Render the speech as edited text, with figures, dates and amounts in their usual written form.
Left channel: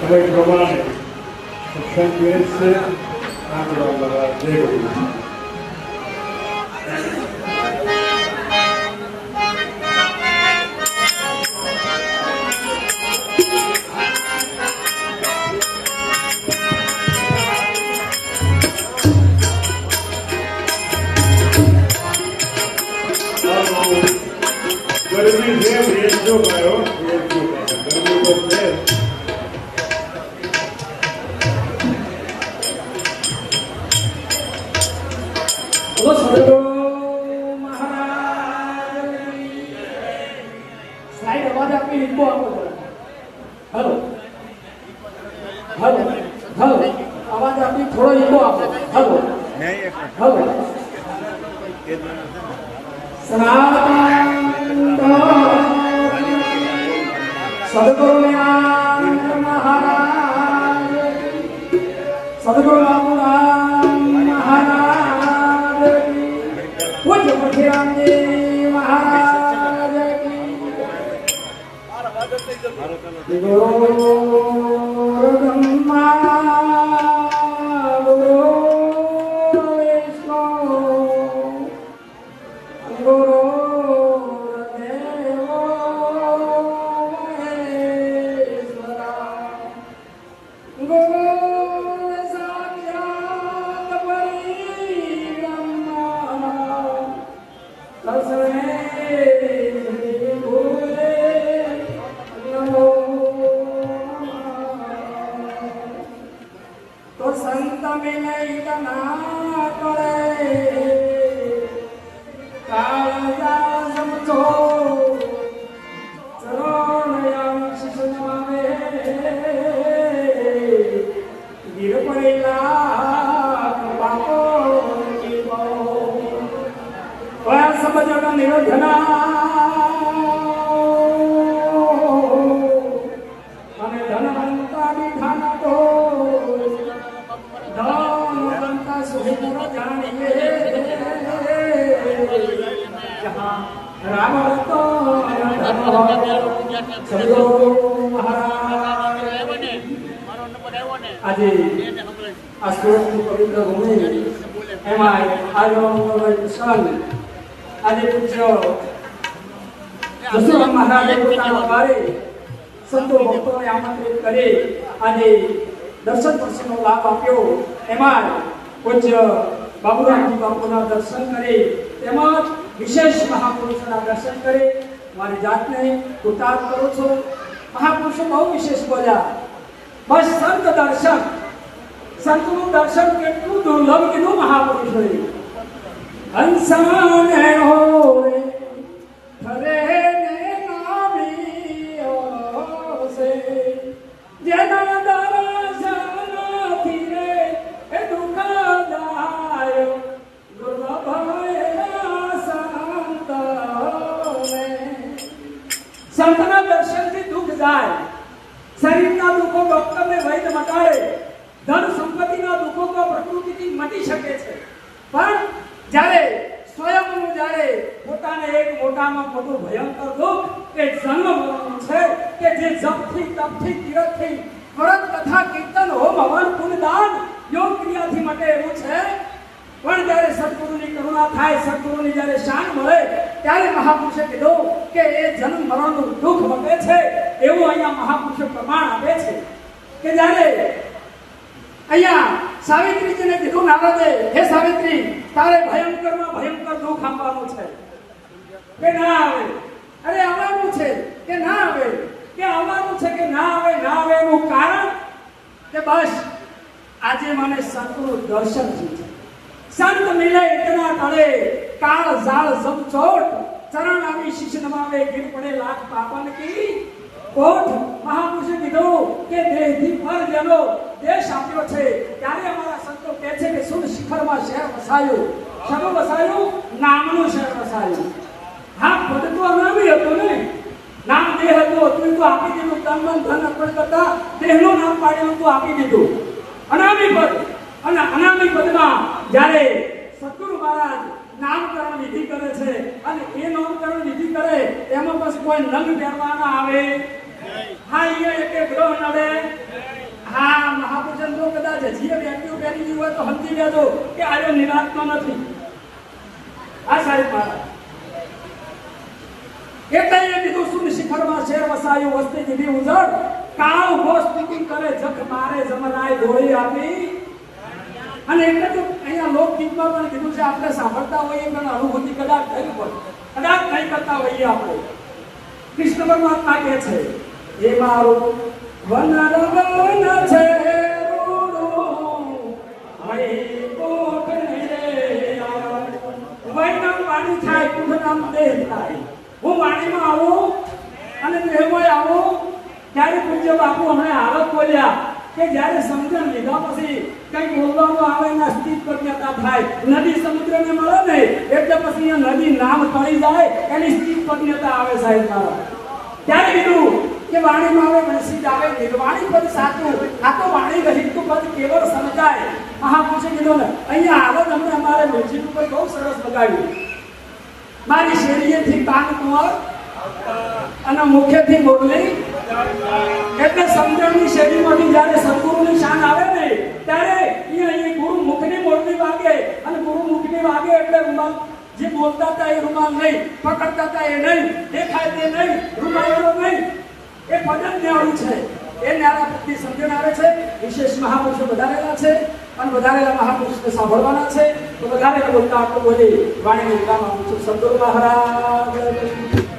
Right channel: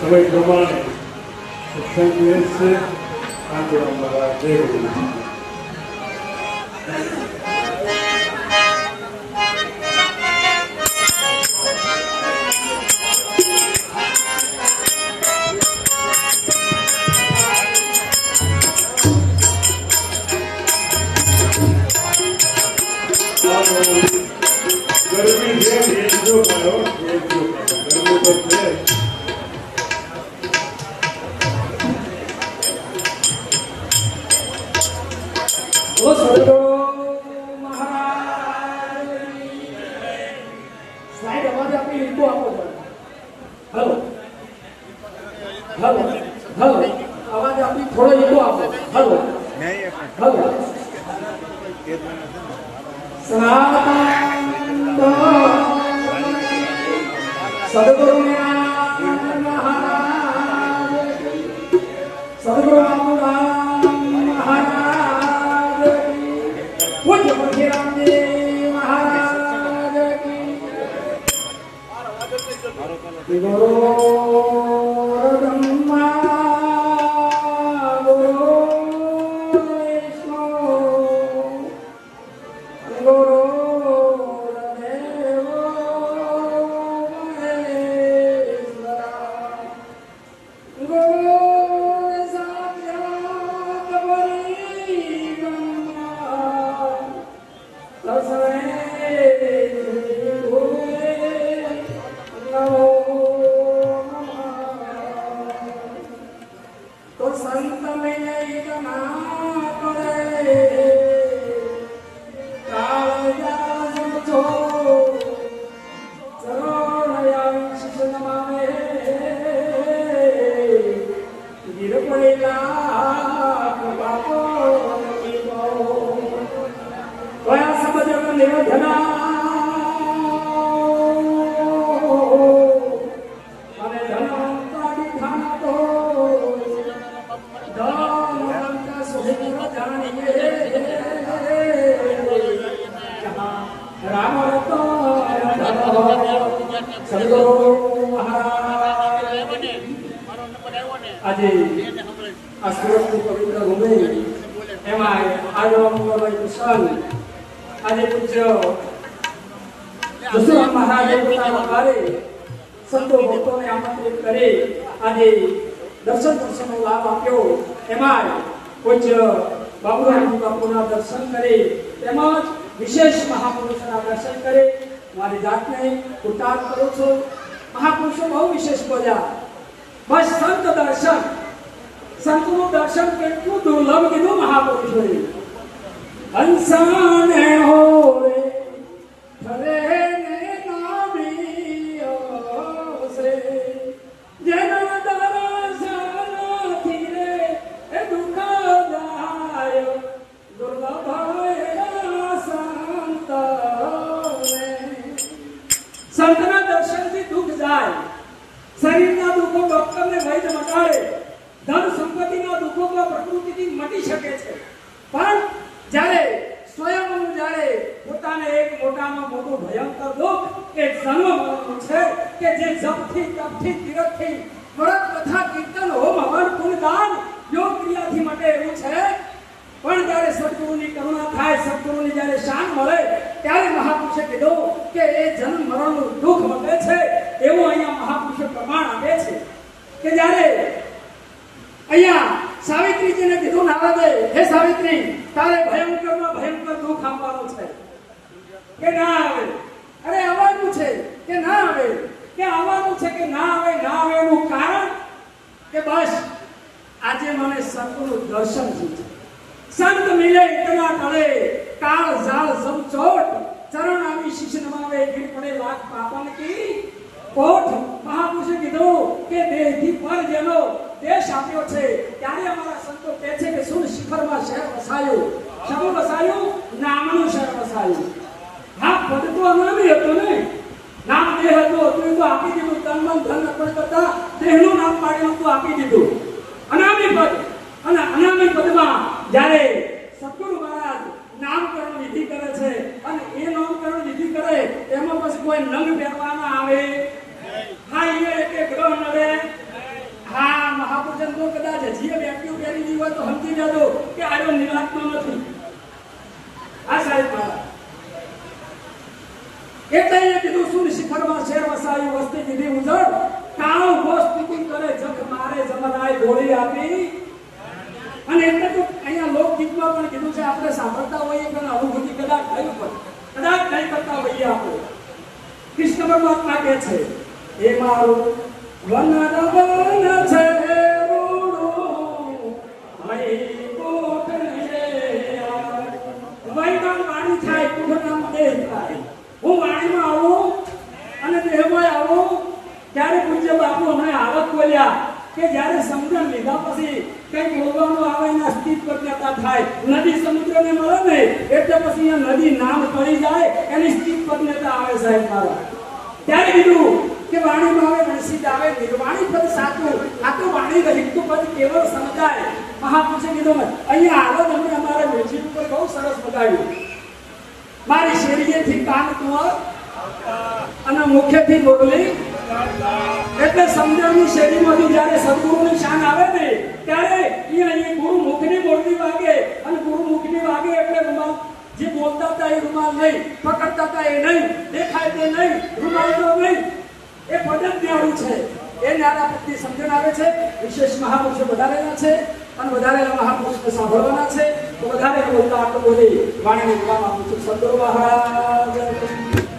સમય પ્રમાણે સત્સંગ છે આંદોલન દ્વારા જય ગુરુ. ગરમી છે વેચજો ગયો વેચજો ગરમી તો છે. બોલો સદગુરુ મહારાજ સાહેબ અવાજ આપી લીધો આપો હલો હલો હલો અવાજ આપી થોડો લીધો આપો હલો હલો સદગુરુ મહારાજ સદગુરુ મહારાજ પૂજ્ય મુખીરામજી મહારાજ ગુરુ બ્રહ્મા ગુરુ વિષ્ણુ ગુરુ તો સંત વિનય ના કરે કાળ જાળ સમજો ચરણયમ શિશુ નમામે ગીર પડેલા બાપો કીવો કયા સમજન નિરોધના આજે આ સુરતની પવિત્ર ભૂમિ એમાં આજનો પ્રસંગ આજે પૂજ્ય જસુરામ મહારાજે પોતાના દ્વારે સંતો ભક્તોને આમંત્રિત કરી આજે દર્શનનો લાભ આપ્યો. એમાં પૂજ્ય બાબુરામ બાપુના દર્શન કરી તેમજ વિશેષ મહાપુરુષોના દર્શન કરી મારી જાતને કૃતાર્થ કરું છું. મહાપુરુષો બહુ વિશેષ બોલ્યા. બસ સંત દર્શન, સંતનું દર્શન કેટલું દુર્લભ કીધું મહાપુરુષોએ. હંસાને હોરે ફરે ને નાવીઓ સે જેના દર્શનથી રે એ દુઃખ જાય દુર્લભ સંતને. સંતના દર્શનથી દુઃખ જાય. શરીરના દુઃખો ડોક્ટરને વૈદ્ય મટાડે, ધન સંપત્તિના દુઃખો તો પ્રકૃતિથી મટી શકે છે, પણ જ્યારે સ્વયંનું જ્યારે પોતાને એક મોટામાં મોટું ભયંકર દુઃખ એ જન્મ મરણનું છે કે જે જપથી તપથી તીરથથી વ્રત કથા કીર્તન હોમ હવન પુણ્ય દાન યોગ ક્રિયાથી મટે એવું છે. પણ જ્યારે સદગુરુની કરુણા થાય, સદગુરુની જ્યારે શાન મળે ત્યારે મહાપુરુષે કીધું કે એ જન્મ મરણનું દુઃખ મટે છે. એવું અહીંયા મહાપુરુષે પ્રમાણ આપે છે કે જ્યારે અહીંયા સાવિત્રીજીને કીધું નારદે, હે સાવિત્રી, તારે ભયંકરમાં ભયંકર દુઃખ આપવાનું છે કે ના આવે? અરે આવવાનું છે કે ના આવે? કે આવવાનું છે કે ના આવે? ના આવે એનું કારણ કે બસ આજે મને સદગુરુ દર્શન થયું છે. સંત મિલે ઇતના તળે કાળ ઝાળ સમચોટ ચરણ આવી શીશ નમાવે ગીર પડે લાખ પાપન કી કોઠ. મહાપુરુષે કીધું કે દેહથી પર જેનો દેશ આપ્યો છે ત્યારે અમારા સંતો કહે છે કે સુર શિખરમાં શહેર વસાયું. શેનું વસાયું? નામનું શહેર વસાયું. હા, પદ તો અનામી હતું ને, નામ દેહ હતું, તું તો આપી દીધું. તન મન ધન અર્પણ કરતા દેહનું નામ પાડેલું તું આપી દીધું, અનામી પદ. અને અનામી પદમાં જ્યારે સદગુરુ મહારાજ નામકરણ વિધિ કરે છે અને એ નામકરણ વિધિ કરે એમાં પછી કોઈ નંગ પહેરવાના આવે? હા, અહીંયા એક ગ્રહ નડે છે. જે વ્યક્તિઓ પહેરી લીધી હોય તો સમજી જજો કે આયો નિરાંતનો નથી. આ સાહેબ મારા એટલે એ કીધું સુન શિખરમાં શેર વસાયું વસ્તી કીધી ઉજળ કાળ ઉભો સ્તુતિ કરે જખ મારે જમનાય ગોળી આપી. અને એટલે તો અહીંયા લોકગીતમાં પણ કીધું છે આપણે સાંભળતા હોઈએ પણ અનુભૂતિ કદાચ થઈ હોય કદાચ નહીં કરતા હોઈએ આપણે. કૃષ્ણ પરમાત્મા કહે છે એ મારું વન રવન છે રૂડું મય કોટ રે વૈનામ વાણી થાય કુંભનામ દેહ થાય. હું વાણીમાં આવું અને દેહમાં આવું ત્યારે પૂજ્ય બાપુ હમણાં હાલત બોલ્યા કે જ્યારે સમજણ લીધા પછી કઈ બોલવામાં આવે ને સ્થિત પ્રજ્ઞતા થાય. નદી સમુદ્રને મળે ને એટલે પછી અહીંયા નદી નામ તળી જાય એની સ્થિત પ્રજ્ઞતા આવે સાહેબ મારા. ત્યારે કીધું કે વાણીમાં આવે મનસિત આવે નિર્વાણી પદ સાચું. આ તો વાણી રહિત પદ કેવળ સમજાય. મહાપુરુષે કીધું ને અહીંયા આવત હમણાં અમારે મ્યુઝિક ઉપર બહુ સરસ બગાડ્યું. મારી શેરીએથી કાન કુંવર અને મુખેથી બોલલી એટલે સમજણની શેરીમાંથી જ્યારે સદગુરુની શાન આવે ને ત્યારે એ ગુરુ મુખની બોલતી વાગે અને ગુરુ મુખની વાગે એટલે રૂમાલ જે બોલતા હતા એ રૂમાલ નહીં, પકડતા હતા એ નહીં, દેખાય તે નહીં, રૂમાલ નહીં, એ ભજન ન્યારું છે. એ ન્યારા પ્રત્યે સમજણ આવે છે. વિશેષ મહાપુરુષો વધારેલા છે અને વધારેલા મહાપુરુષને સાંભળવાના છે. તો વધારે બોલતા આટલું બોલી વાણીની વિરામ આપું છું. સદગુરુ મહારાજ